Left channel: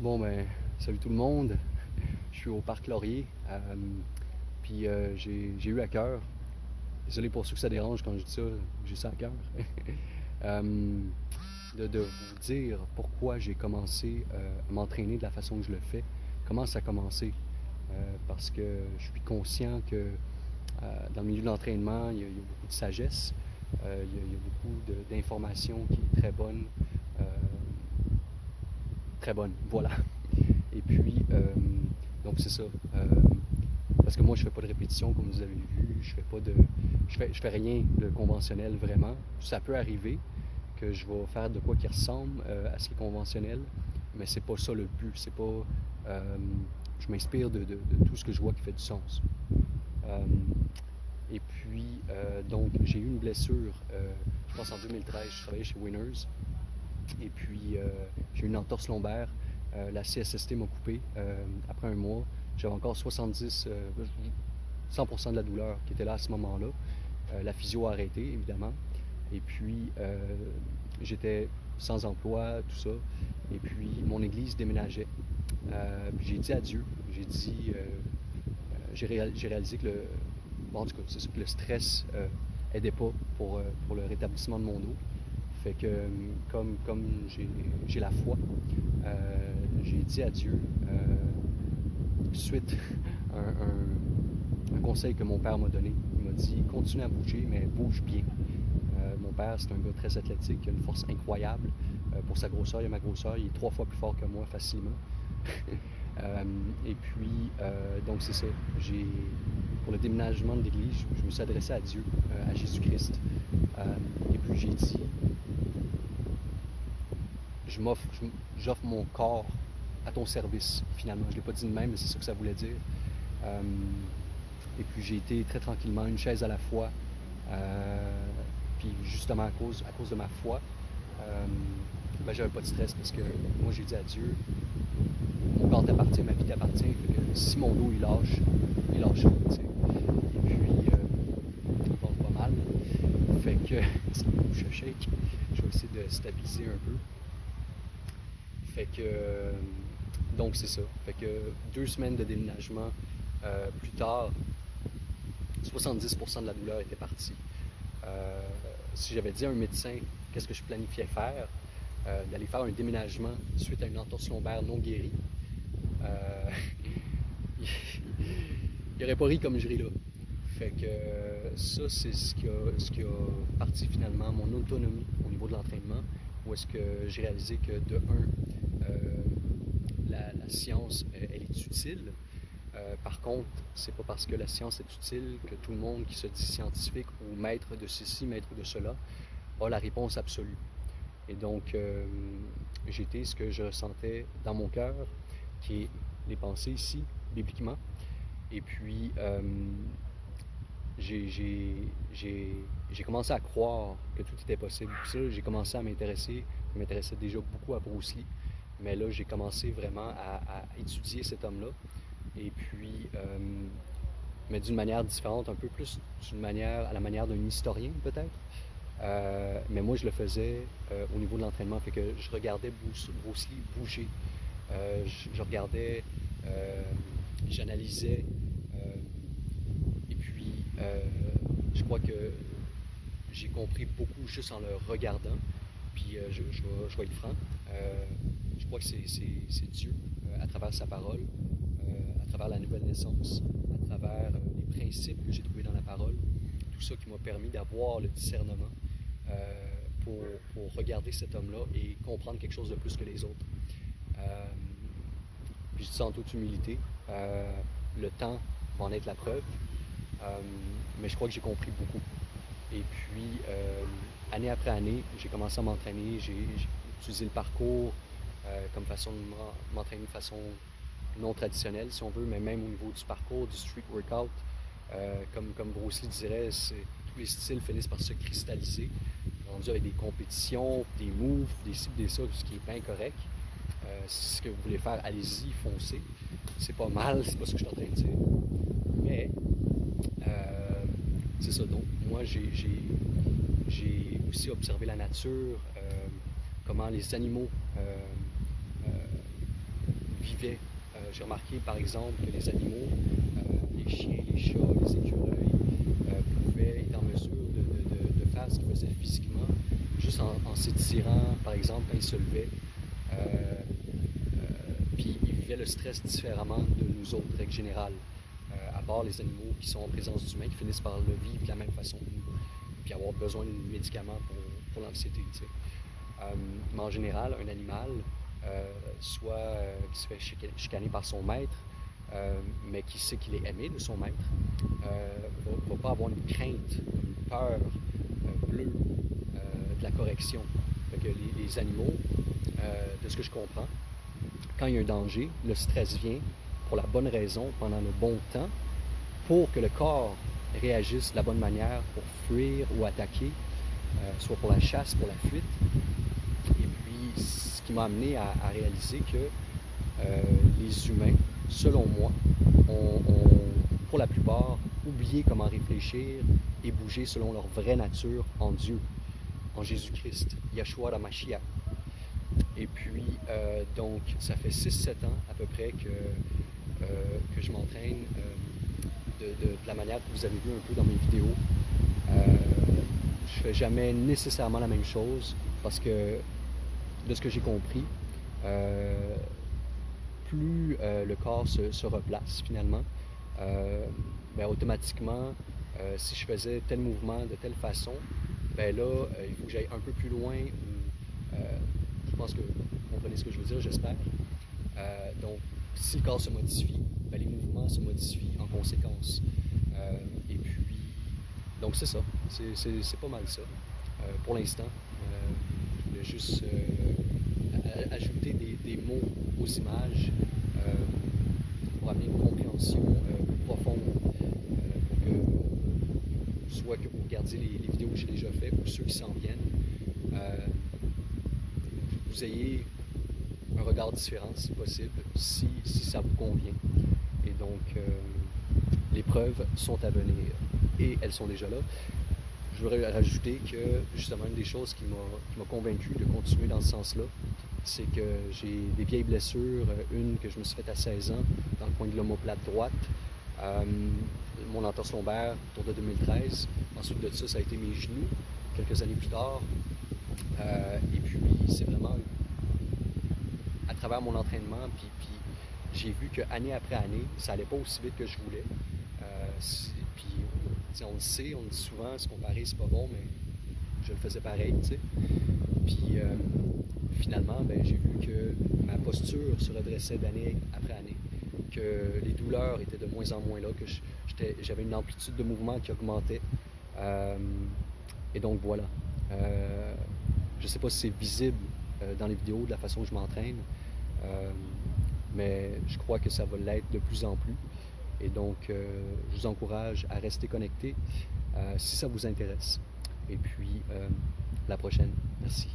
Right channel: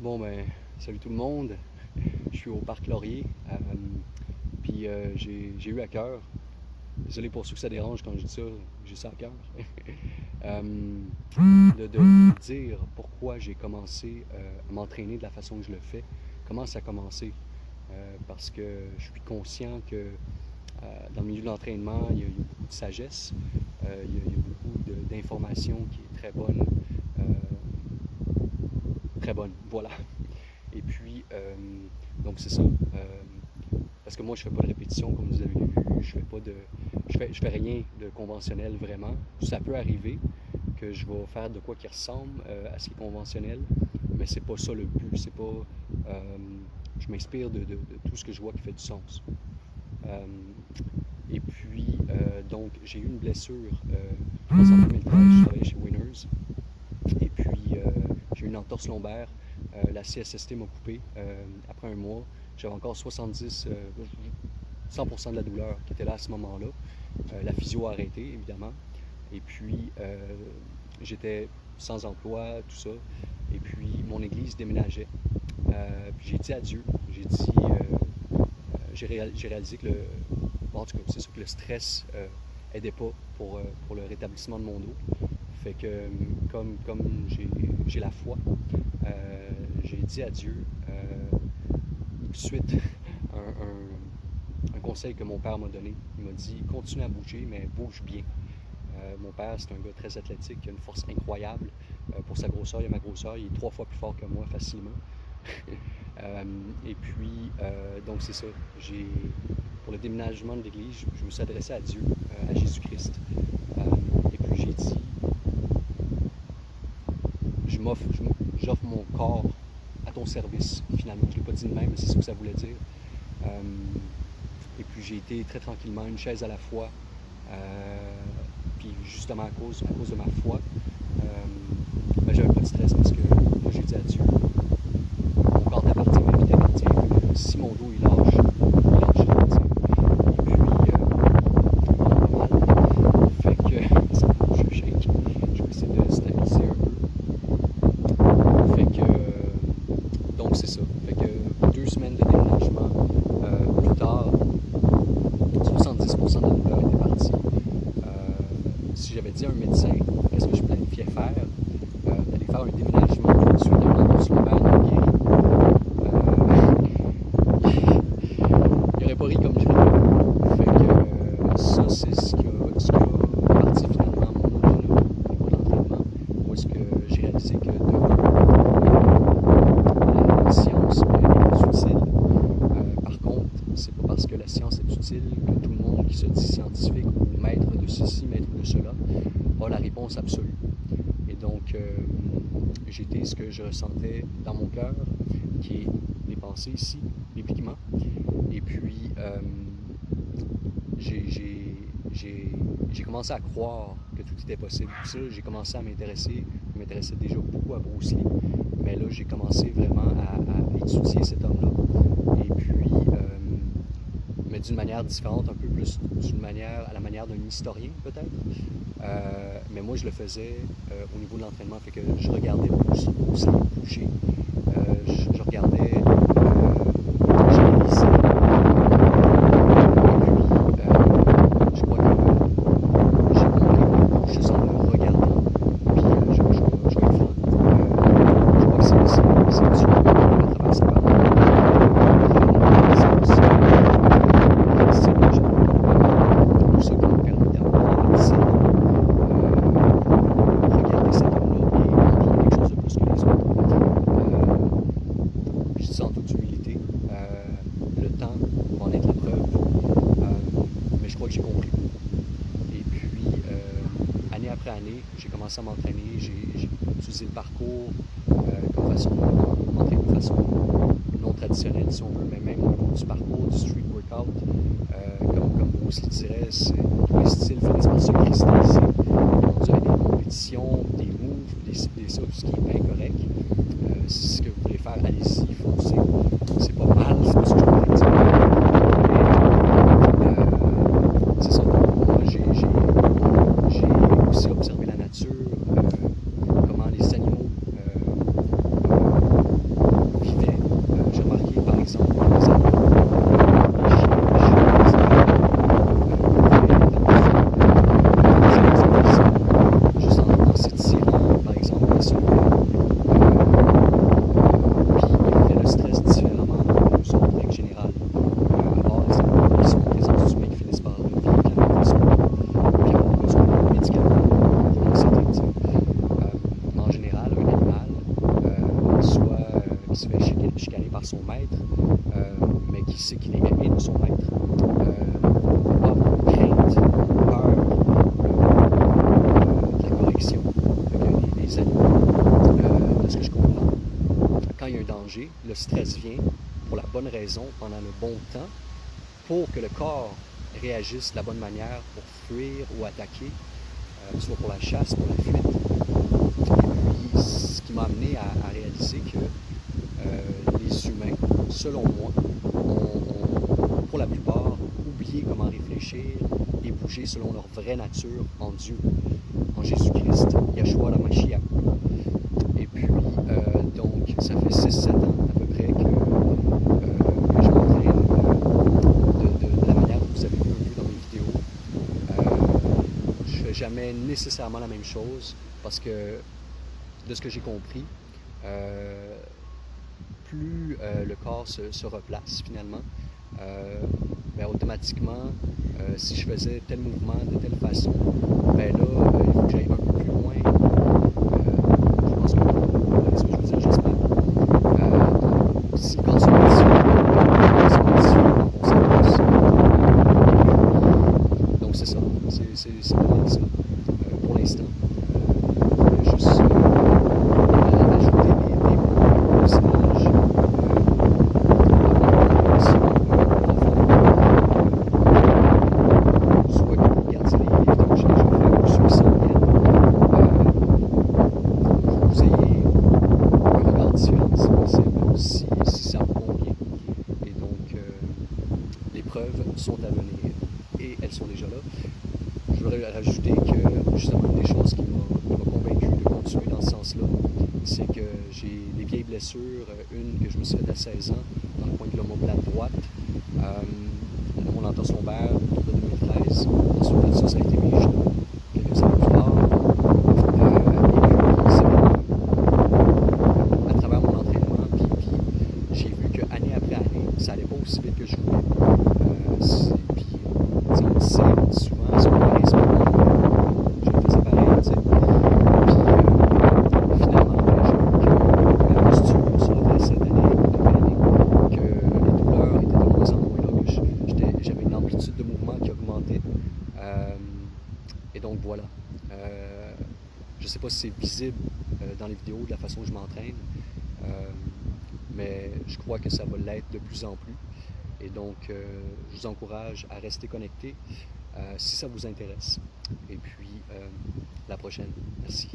Bon, ben, salut tout le monde. Je suis au Parc Laurier. Puis j'ai eu à cœur, désolé pour ceux que ça dérange quand je dis ça, j'ai ça à cœur, euh, de vous dire pourquoi j'ai commencé à m'entraîner de la façon que je le fais. Comment ça a commencé? Parce que je suis conscient que dans le milieu de l'entraînement, il y a beaucoup de sagesse, il y a beaucoup d'informations qui est très bonne. Euh, Très bonne, voilà. Et puis, donc c'est ça. Parce que moi, je fais pas de répétition, comme vous avez vu. Je fais pas de, je fais rien de conventionnel vraiment. Ça peut arriver que je vais faire de quoi qui ressemble à ce qui est conventionnel, mais c'est pas ça le but. C'est pas, je m'inspire de tout ce que je vois qui fait du sens. Euh, et puis, donc, j'ai eu une blessure, je pense en 2013, je travaillais chez Winners. Et puis, j'ai eu une entorse lombaire. La CSST m'a coupé après un mois. J'avais encore 100% de la douleur qui était là à ce moment-là. La physio a arrêté, évidemment. Et puis, j'étais sans emploi, tout ça. Et puis, mon église déménageait. Puis j'ai dit adieu. J'ai réalisé que bon, en tout cas, c'est sûr que le stress aidait pas pour le rétablissement de mon dos. Fait que comme j'ai la foi, j'ai dit adieu suite à un conseil que mon père m'a donné. Il m'a dit continue à bouger, mais bouge bien. Mon père, c'est un gars très athlétique, qui a une force incroyable pour sa grosseur. Il a ma grosseur, il est 3 fois plus fort que moi facilement. Et puis, donc c'est ça. Pour le déménagement de l'église, je me suis adressé à Dieu, à Jésus-Christ. Et puis j'ai dit, j'offre mon corps à ton service, finalement. Je ne l'ai pas dit de même, mais c'est ça que ça voulait dire. Et puis j'ai été très tranquillement, une chaise à la fois. Puis justement à cause de ma foi, ben, j'avais pas de stress parce que moi j'ai dit à Dieu, mon corps t'appartient, ma vie t'appartient. Fait que si mon dos il lâche, il lâche. Et puis il va pas mal. Fait que ça me bouge le shake. Je vais essayer de stabiliser un peu. Fait que donc c'est ça. Fait que 2 semaines de déménagement plus tard, 70% de la douleur était partie. Si j'avais dit à un médecin qu'est-ce que je planifiais faire, d'aller faire un déménagement suite à une entorse lombaire non guérie, il n'aurait pas ri comme je ris. Fait que ça, c'est ce qui a parti finalement mon autonomie au niveau de l'entraînement. Où est-ce que j'ai réalisé que la science est utile. Par contre, c'est pas parce que la science est utile que tout le monde qui se dit scientifique ou maître de ceci, maître de cela, a la réponse absolue. Et donc, j'étais ce que je ressentais dans mon cœur, qui est les pensées ici, bibliquement. Et puis, j'ai commencé à croire que tout était possible. Puis ça, j'ai commencé à m'intéresser. Je m'intéressais déjà beaucoup à Bruce Lee. Mais là, j'ai commencé vraiment à étudier cet homme-là. Et puis, mais d'une manière différente, un peu plus à la manière d'un historien peut-être. Mais moi, je le faisais au niveau de l'entraînement. Fait que je regardais Bruce Lee bouger. Je regardais, j'analysais. Je crois que j'ai compris beaucoup juste en le regardant. Puis je vais être franc. Je crois que c'est Dieu à travers sa parole. Tout ça qui m'a permis d'avoir le discernement pour regarder cet homme-là et comprendre quelque chose de plus que les autres. Je dis ça en toute humilité. Le temps va en être la preuve. Mais je crois que j'ai compris beaucoup. Et puis, année après année, j'ai commencé à m'entraîner. J'ai utilisé le parcours comme façon de m'entraîner de façon non traditionnelle, si on veut, mais même au niveau du parcours, du street workout. Comme Bruce Lee dirait, tous les styles finissent par se cristalliser. Rendu avec des compétitions, des moves, des ça, tout ce qui est bien correct. Si c'est ce que vous voulez faire, allez-y, foncez. C'est pas mal, c'est tout ce que je pourrais dire. Mais c'est ça. Donc, moi, j'ai aussi observé la nature, comment les animaux tirant, par exemple, un soulevé. Puis il fait le stress différemment de nous autres, en règle générale. À part les animaux qui sont en présence du humain qui finissent par le vivre de la même façon, puis avoir besoin de médicaments pour l'anxiété. Mais en général, un animal, soit qui se fait chicaner par son maître, mais qui sait qu'il est aimé de son maître, ne va pas avoir de crainte, peur de la correction. Que les animaux, de ce que je comprends, quand il y a un danger, le stress vient pour la bonne raison, pendant le bon temps, pour que le corps réagisse de la bonne manière pour fuir ou attaquer, soit pour la chasse, pour la fuite. Et puis, ce qui m'a amené à réaliser que les humains, selon moi, ont, pour la plupart, oublié comment réfléchir et bouger selon leur vraie nature en Dieu, en Jésus-Christ, Yahshua HaMashiach. Et puis, donc, ça fait 6-7 ans à peu près que je m'entraîne de la manière que vous avez vu un peu dans mes vidéos. Je ne fais jamais nécessairement la même chose parce que, de ce que j'ai compris, plus le corps se replace finalement, ben, automatiquement, si je faisais tel mouvement de telle façon, ben là, il faut que j'aille un peu plus loin. Je pense que vous comprenez ce que je veux dire, j'espère. Donc, si le corps se modifie, en conséquence. Donc c'est ça, c'est pas mal ça. Pour l'instant, juste ajouter des mots aux images, avoir une compréhension profonde, soit que vous regardiez les vidéos que j'ai déjà faites ou ceux qui s'en viennent, vous ayez un regard différent si possible, si ça vous convient. Et donc, les preuves sont à venir et elles sont déjà là. Je voudrais rajouter que justement une des choses qui m'a convaincu de continuer dans ce sens-là, c'est que j'ai des vieilles blessures, une que je me suis faite à 16 ans dans le coin de l'omoplate droite, mon entorse lombaire autour de 2013. Ensuite de ça, ça a été mes genoux quelques années plus tard. Et puis c'est vraiment à travers mon entraînement, puis j'ai vu qu'année après année, ça allait pas aussi vite que je voulais. Puis on dit souvent, si on n'arrive pas, je le faisais pareil, tu sais. Puis finalement, ben, j'ai vu que ma posture se redressait d'année après année, que les douleurs étaient de moins en moins là, que j'avais une amplitude de mouvement qui augmentait. Et donc voilà. Je ne sais pas si c'est visible dans les vidéos de la façon que je m'entraîne, mais je crois que ça va l'être de plus en plus. Et donc, je vous encourage à rester connectés si ça vous intéresse. Et puis, la prochaine. Merci.